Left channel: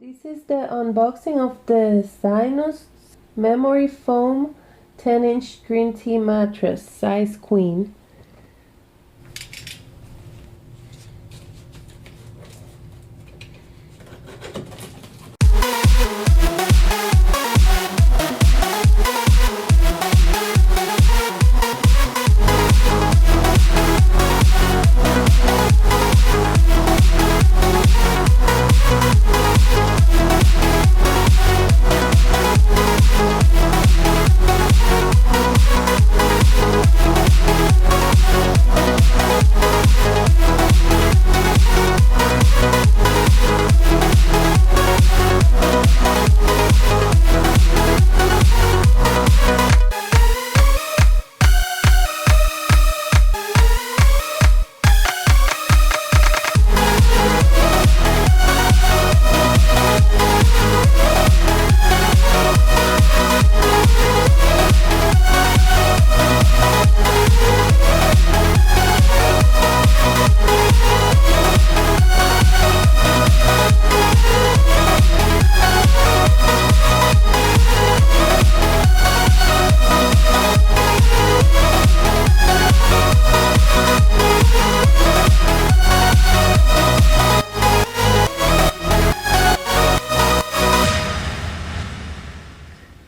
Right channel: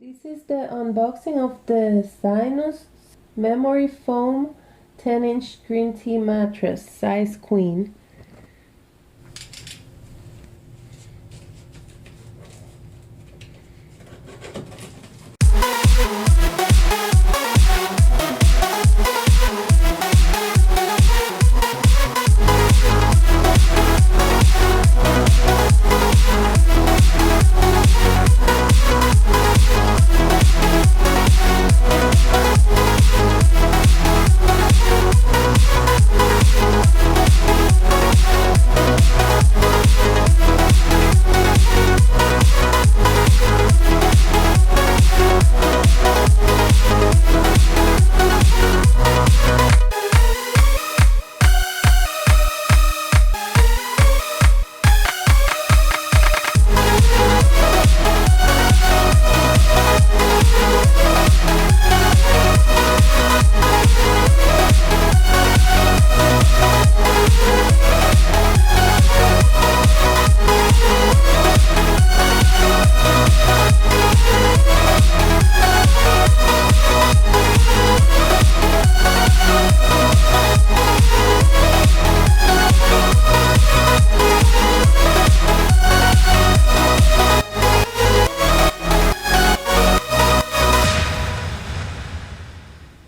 This is the unboxing of the Zinus memory foam 10-inch green tea mattress, size queen.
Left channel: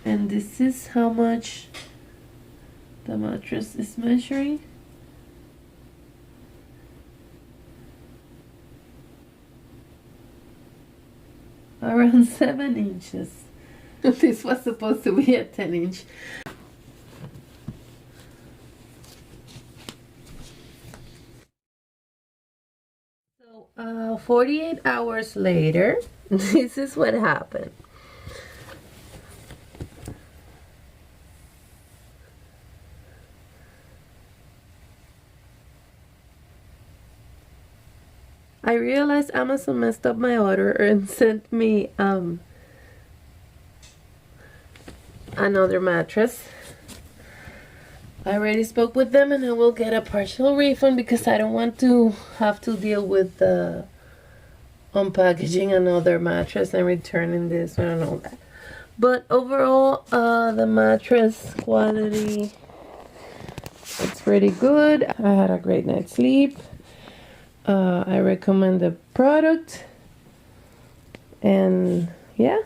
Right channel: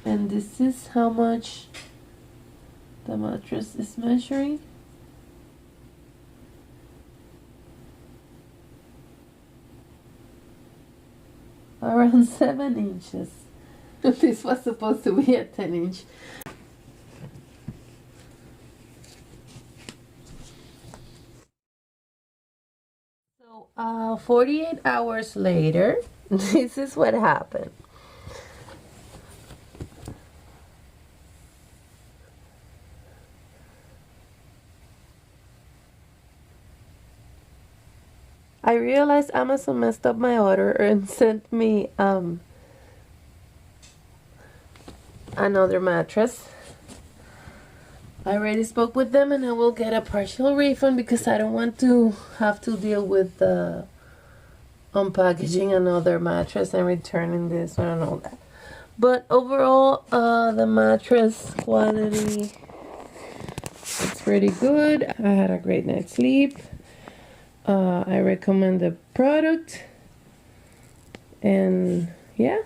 And this is how much the mattress is measuring. Around 7 inches. This was supposed to be a 10-inch. So 48 hours later, this is what happened. I realized Amazon messed up my order and sent me another mattress. I already spoke with them and I will get a partial refund because I don't want to have to deal with unpackaging another mattress and returning this one and all that. But overall, the mattress quality, it's pretty good. I had a great night's sleep. I recommend the product, and yeah.